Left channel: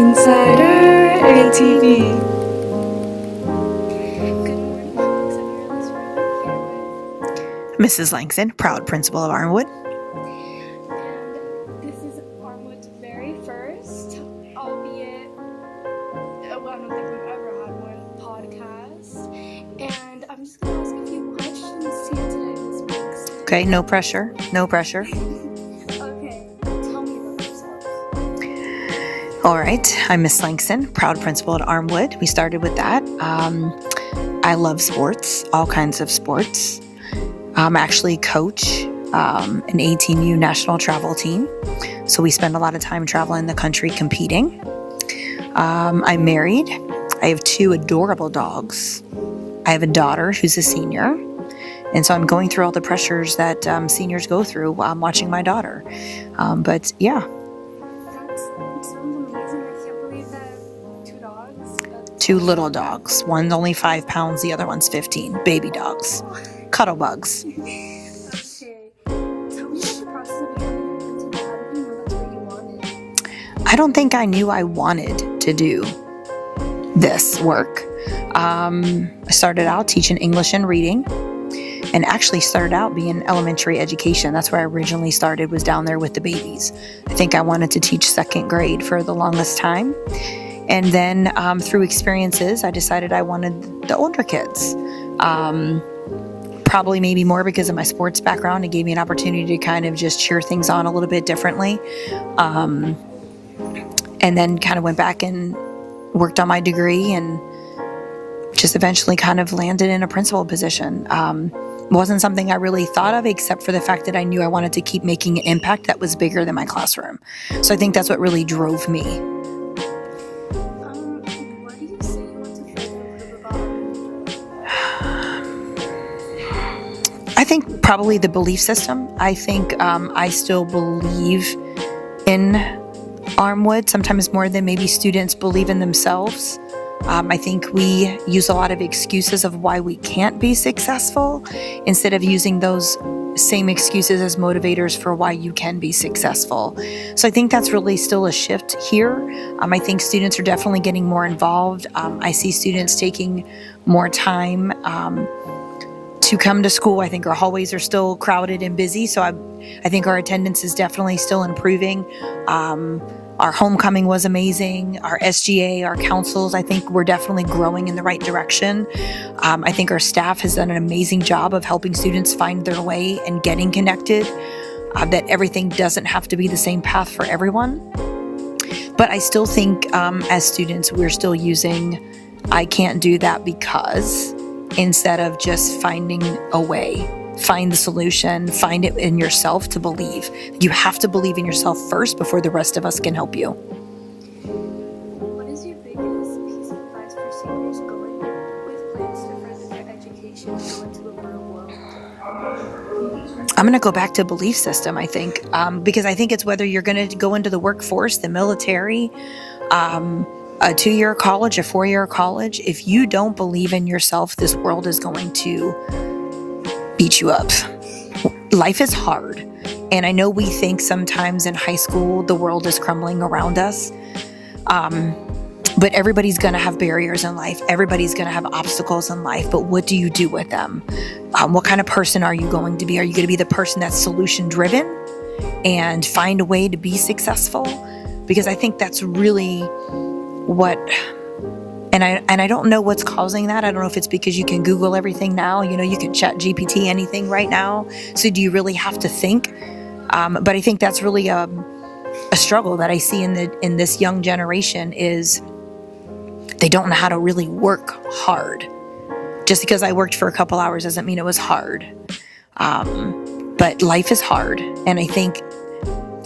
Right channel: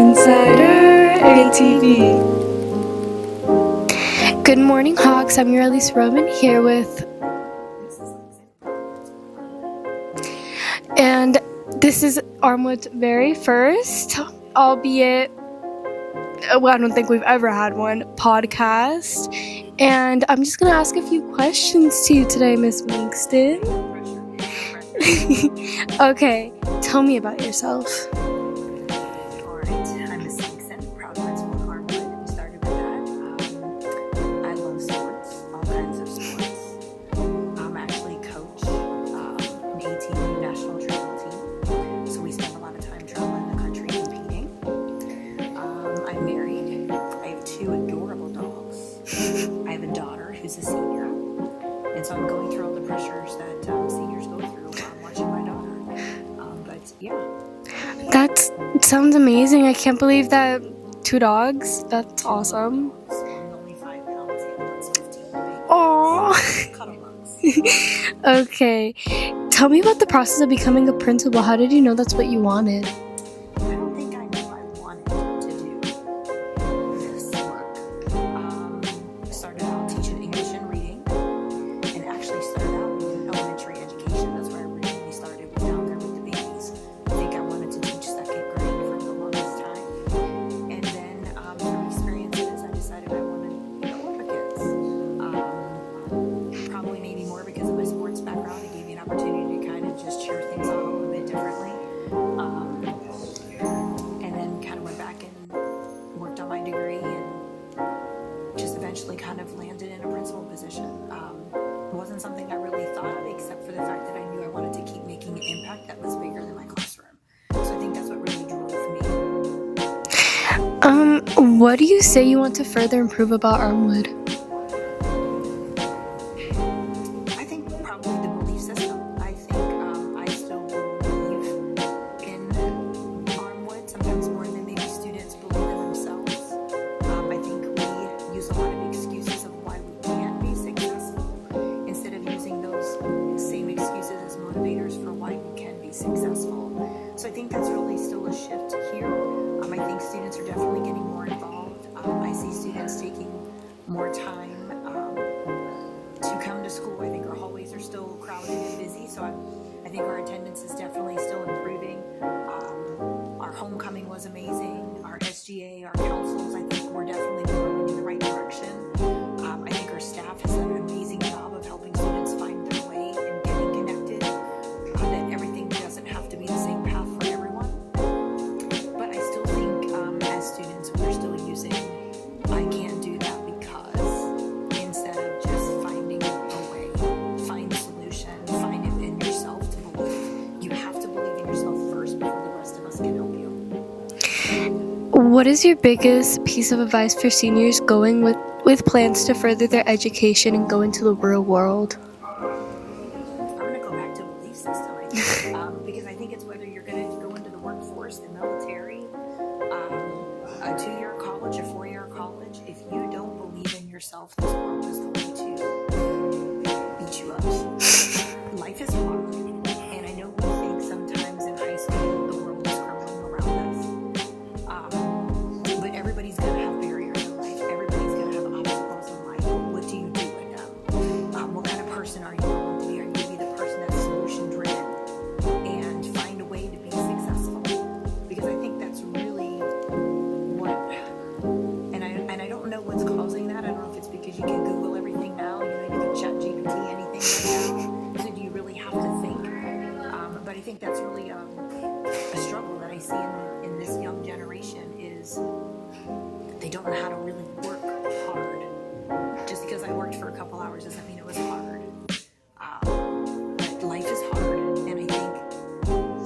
Insider ATV. Good morning, Hawks. I'm your Elise Roman here with Mrs. Langston, proud principal of Armwood. And this is Armwood's very first, albeit, well, I don't think we've ever had one, podcast. And I'm just going to ask a few questions to you today, Miss Langston. Okay, no pressure. No pressure. Okay, tell me about yourself. All right, I'm Miss Langston, proud principal at Armwood. We started with that. I love sports, all kinds of sports. I'm actually coach an 18U national travel team. So we spend a lot of time traveling the country competing. I'm married. I have 2 adorable dogs. I have a daughter who's a senior. And so I'm going through all the pressures that seniors go through while I'm watching my daughter. But yeah. That sounds amazing. I can't believe that 2 dogs. That's 2 awesome. little dogs. One's only 5 pounds, the other one's 15. Baby dogs. Aww. Cuddle bugs. Okay. Tell me about the process of becoming a principal. How did you know that's what you wanted? I don't think I knew I wanted to do this work. I started out teaching English and reading, and actually started out being elementary education. That's where I originally started, was down there with the babies. I think I wanted to teach 2nd grade for the longest time. And then through experiences, I decided I wanted the older kids. Probably maybe more because of my sports background. It gave me an opportunity to kind of just cheer things on a little bit differently. And then kind of went back and worked on my degree and just eventually kind of landed in a principal position. Wasn't something I really thought of, except for the fact that I knew I wanted to keep making an impact that was bigger than my classroom. So I think that's what really drove me. What do you say you want to further improve about Armwood? I think probably the belief system. I think I still believe in Armwood, sometimes more than maybe students believe in themselves. I think we use a lot of excuses of why we can't be successful instead of using those same excuses as motivators for why you can be successful. So I think that's really still a shift here. I think students are definitely getting more involved. I see students taking more time to come to school. I think our hallways are still crowded and busy, so I think our attendance is definitely still improving. Our homecoming was amazing. Our SGA, our councils, I think we're definitely growing in the right direction. I think our staff has done an amazing job of helping students find their way and getting connected, that everything doesn't have to be the same path for everyone. But I still think as students, we're still using I can't do that because, instead of just finding a way. Find the solution, find it in yourself to believe. You have to believe in yourself first before the rest of us can help you. What is your biggest piece of advice for seniors going with plans to further their education and go into the real world? I'm going to go back to belief system, I think, because I think it's whether you're going to go into the workforce, the military, a 2-year college, a 4-year college. If you don't believe in yourself, this world is going to beat you up. Life is hard. And I know we think sometimes in high school, the world is crumbling around us. But everybody's going to have barriers in life. Everybody's going to have obstacles in life. But what do you do with them? What kind of person are you going to be? Are you going to be the person that's solution driven and find a way to be successful? Because I think that's really what, and I don't know what's causing that. I don't know if it's because you can Google everything now. You know, you can chat GPT anything right now. So do you really have to think? But I think that's really a struggle that I see in this young generation is they don't know how to really work hard. Just because I worked for a couple hours doesn't mean it was hard. But life is hard. And I think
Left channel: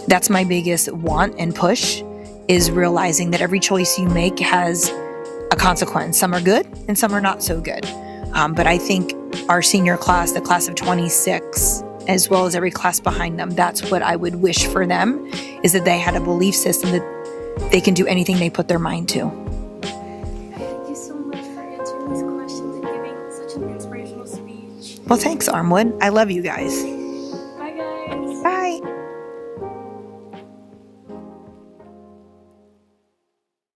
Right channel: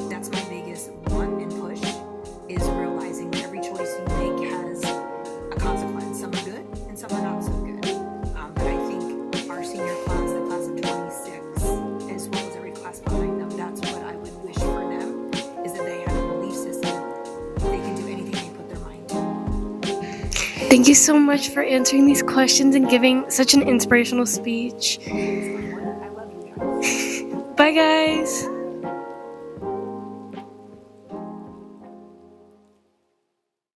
that's my biggest want and push, is realizing that every choice you make has a consequence. Some are good and some are not so good. But I think our senior class, the class of 26, as well as every class behind them, that's what I would wish for them, is that they had a belief system that they can do anything they put their mind to. Thank you so much for answering these questions and giving such an inspirational speech. Well, thanks, Armwood. I love you guys. Bye, guys. Bye.